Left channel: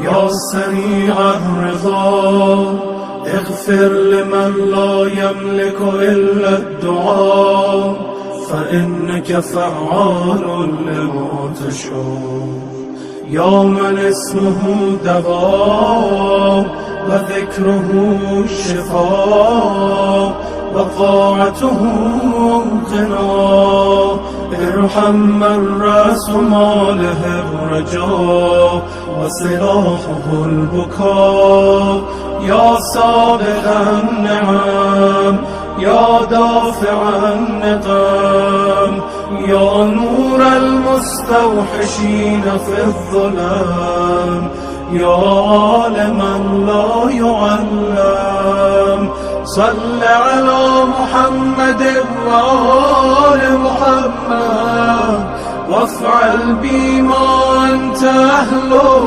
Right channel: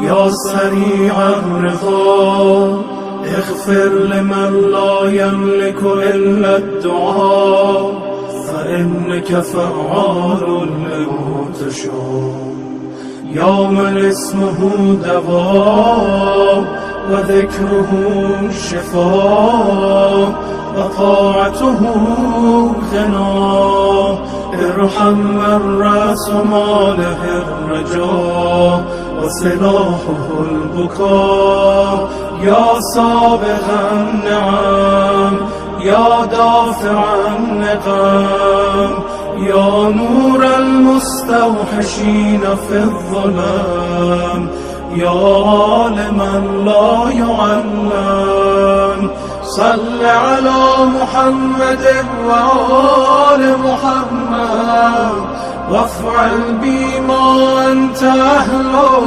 يا سريع الرضا اغفر لمن لا يملك إلا الدعاء، فإنك فعال لما تشاء. يا من اسمه دواء وذكره شفاء وطاعته غنى، ارحم من رأس ماله الرجاء وسلاحه البكاء. يا سابغ النعم يا دافع النقم، يا نور المستوحشين في الظلام، يا عالما لا يعلم. صل على محمد وآل محمد وافعل بما أنت أهله.